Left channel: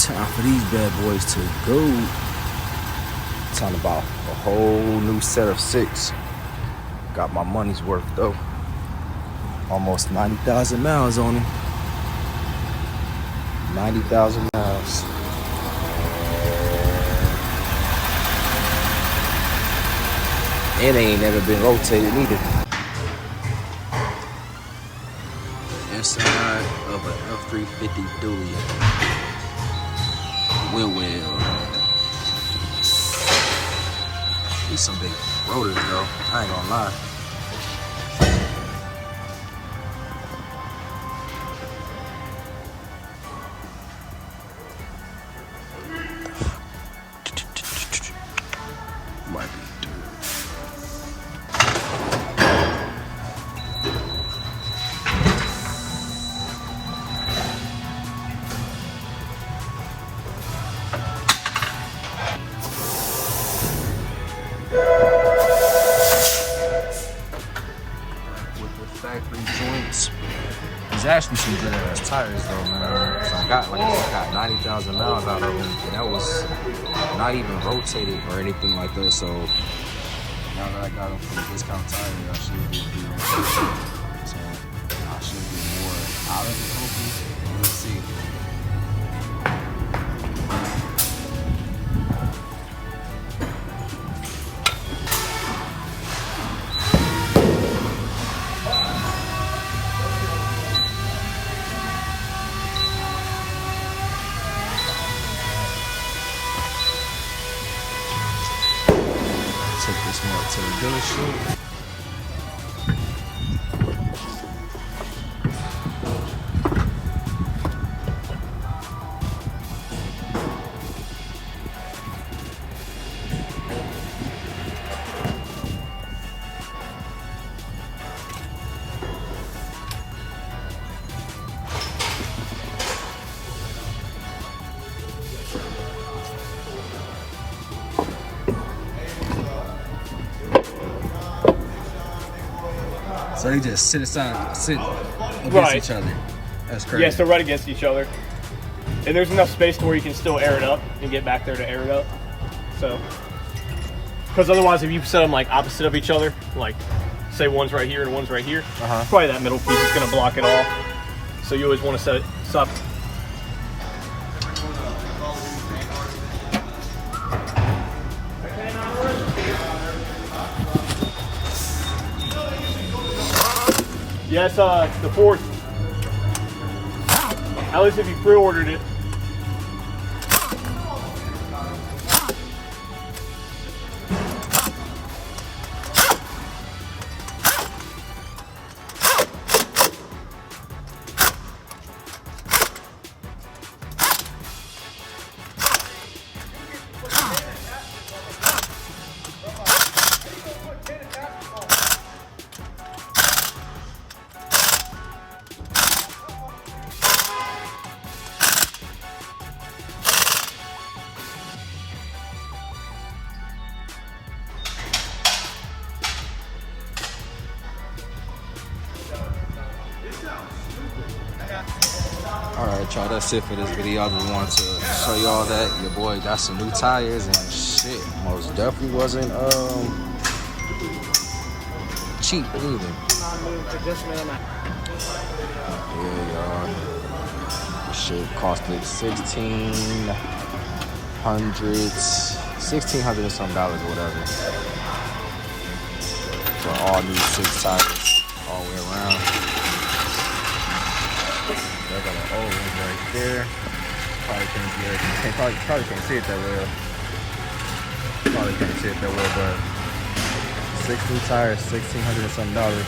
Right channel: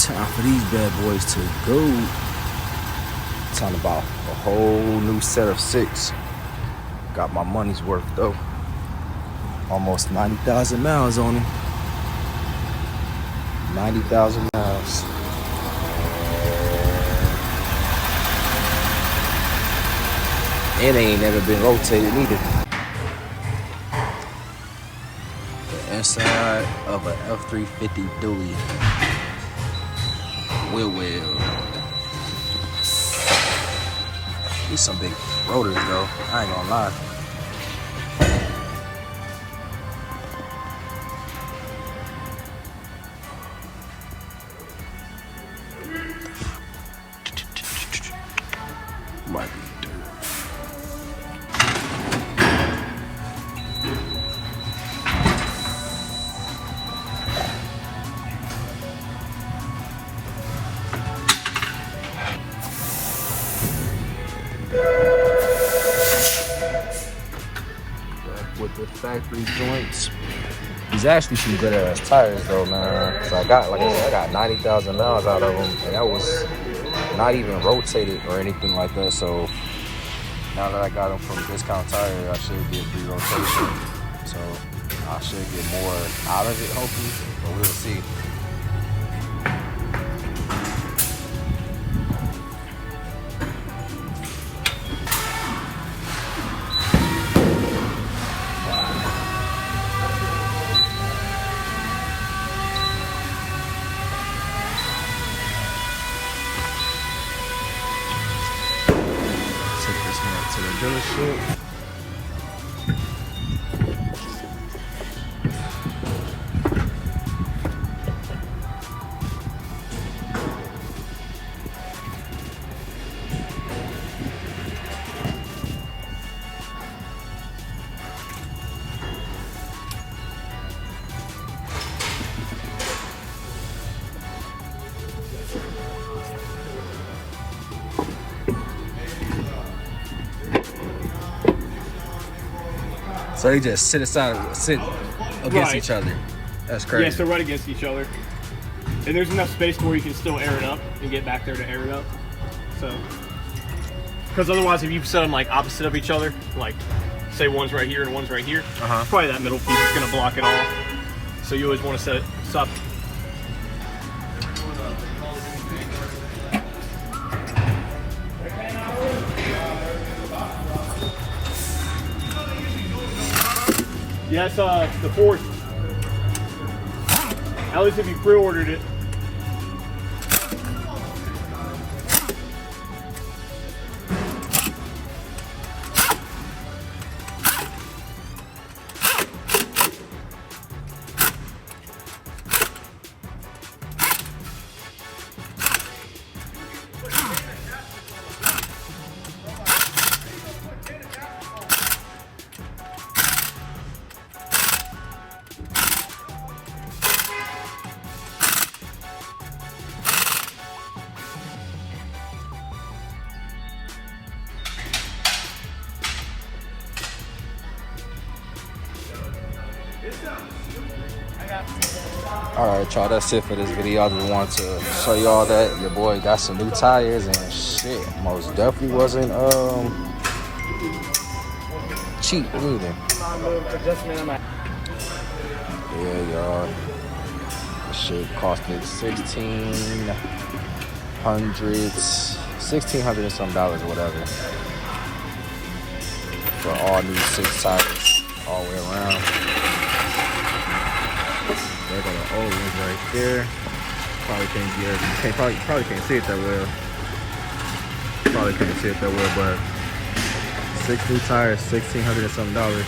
Time for these bad boys to go. Talking about a whole new set of 6. Got my money's worth though. Almost 90,000 miles on them. 90,000 miles. And they ain't never been rotated either. The inside of an F350 dually. Well. These some big rotors though. I ain't gonna lie. Might be dirt. With the factory joints. These actually some good ass tires though, man. So I got, like I said, I got 90,000 miles out of them, and that was not even rotated or anything like that. So now that I got them from Discount Tire, I should get free rotation. So I should get more out of it, hopefully. But we'll see. Take this one up to the dealership. So they just sit against each other. That's crazy. Yes, they're right against each other. And there's enough space to where you can still air it up and get back there to air it up. So, because otherwise if you set them like opposite of each other, like say one's right here and one's right here, probably that middle piece is gonna block it off. So you always want to set it up. Yes, the 4th. At least if you pre-ordered it. Alright y'all, that's it for this video. I just wanted to show y'all that your boy got some new tires and shit. Most definitely wasn't cheap either. Yeah y'all. This shit costed $1,600 and some dollars or whatever. For all new 6 tires all the way around. They got an old one right there. Probably can't get everything. Probably can't see it that well. Probably can't see it that well, but 6 new tires, $1,600 and some dollars.